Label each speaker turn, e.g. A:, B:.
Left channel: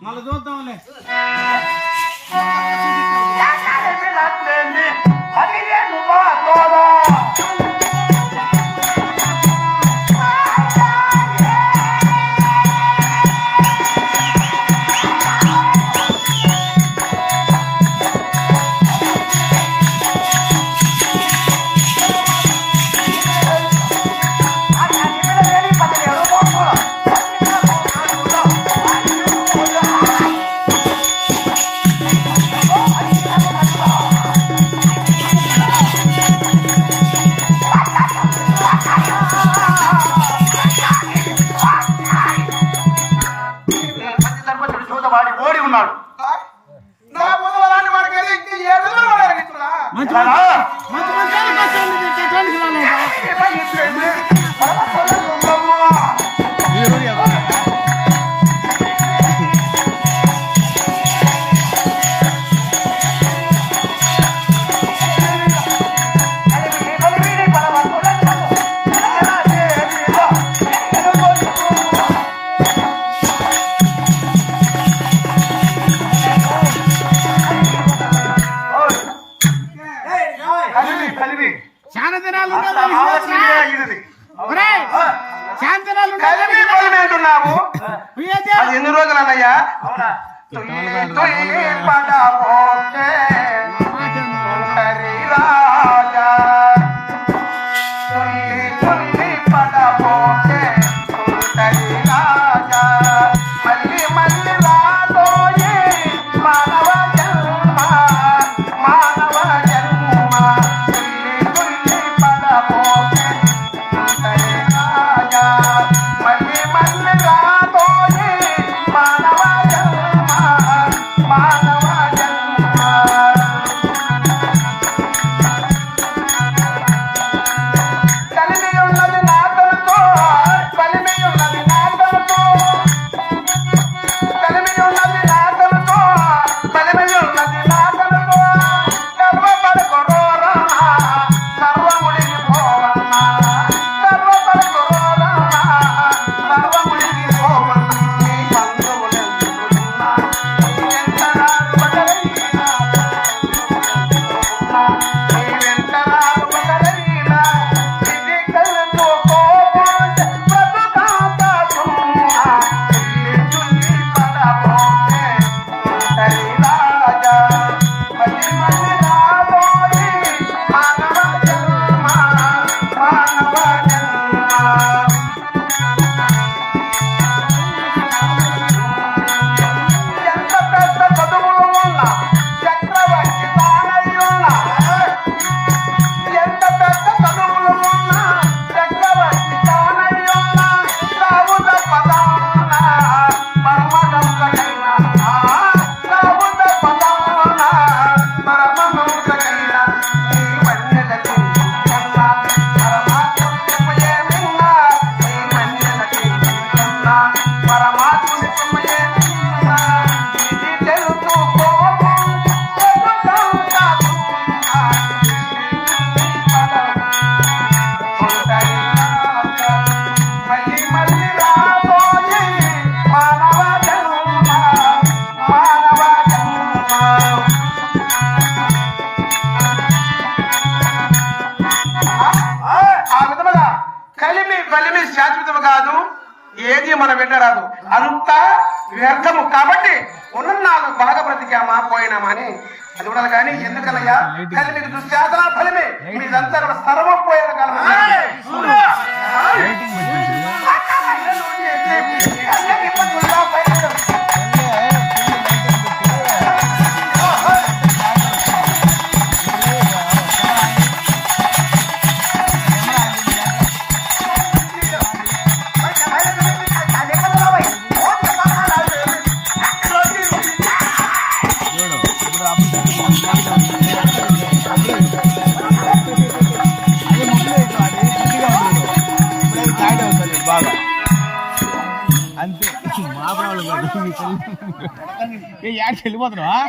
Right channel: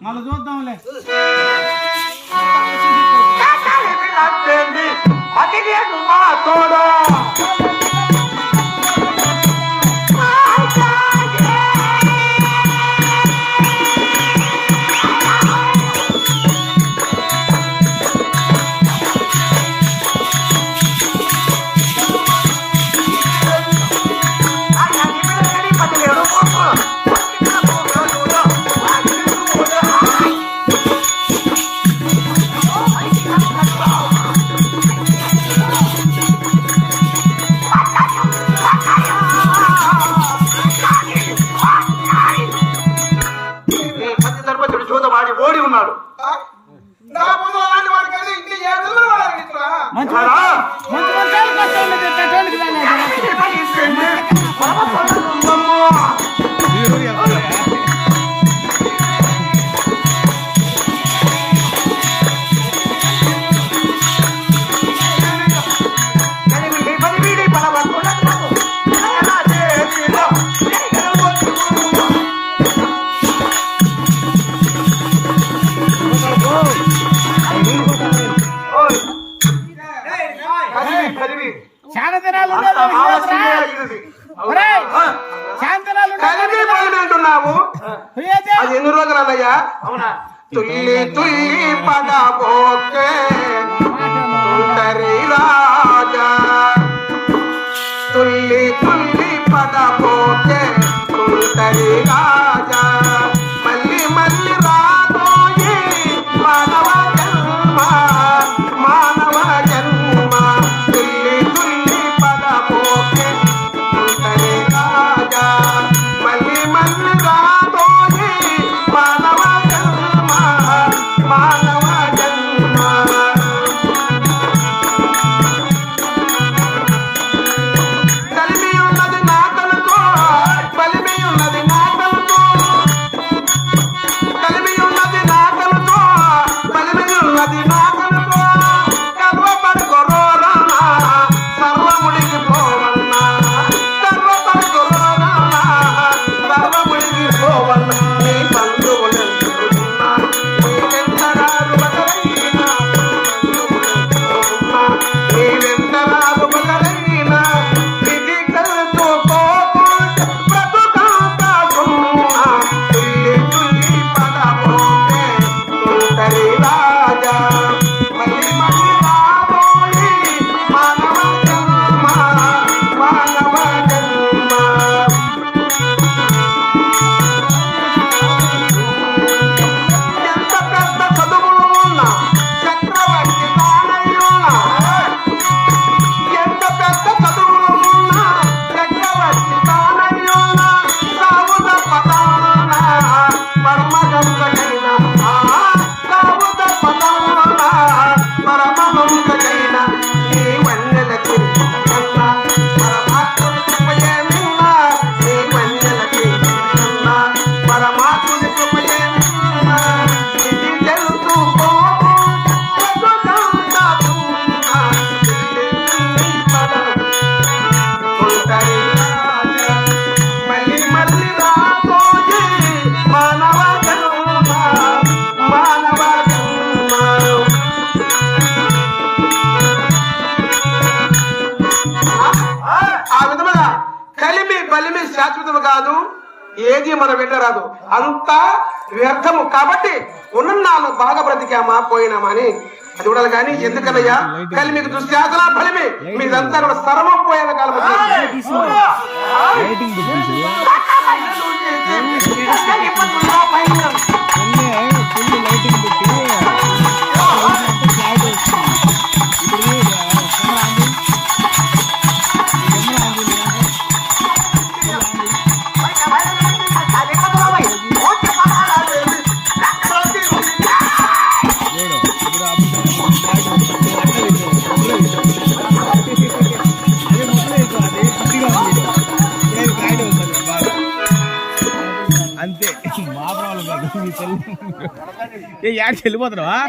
A: మళ్ళీ చూద్దాంలే.
B: జూతవాడి ఓడి ఉన్నాడు.
A: మంచి మంచి
B: కలివి.
A: చాలా దినాలు
B: శాంతనాలు ఎన్ని రోజులు అన్నయ్యా
C: అవునా?
B: తుల్లి తుల్లి పడబోకే. రాదు ఏది మన వెంట రాదు. అంత వ్యర్థము. కాబట్టి ఉన్నాళ్ళు బాగా బ్రతికామా పోయినామా అని అది కూడా కానీ ఎందుకనయ్యా? కానీ మీకు దుశ్శాసన ఫలమే మీదంతా కూడా సర్వం పోయేది కాలం
A: అంతే. మా ప్రాబ్లం కాదు మీ చెల్లి. ఏ యాడికి వెళ్ళిపోతున్నావా?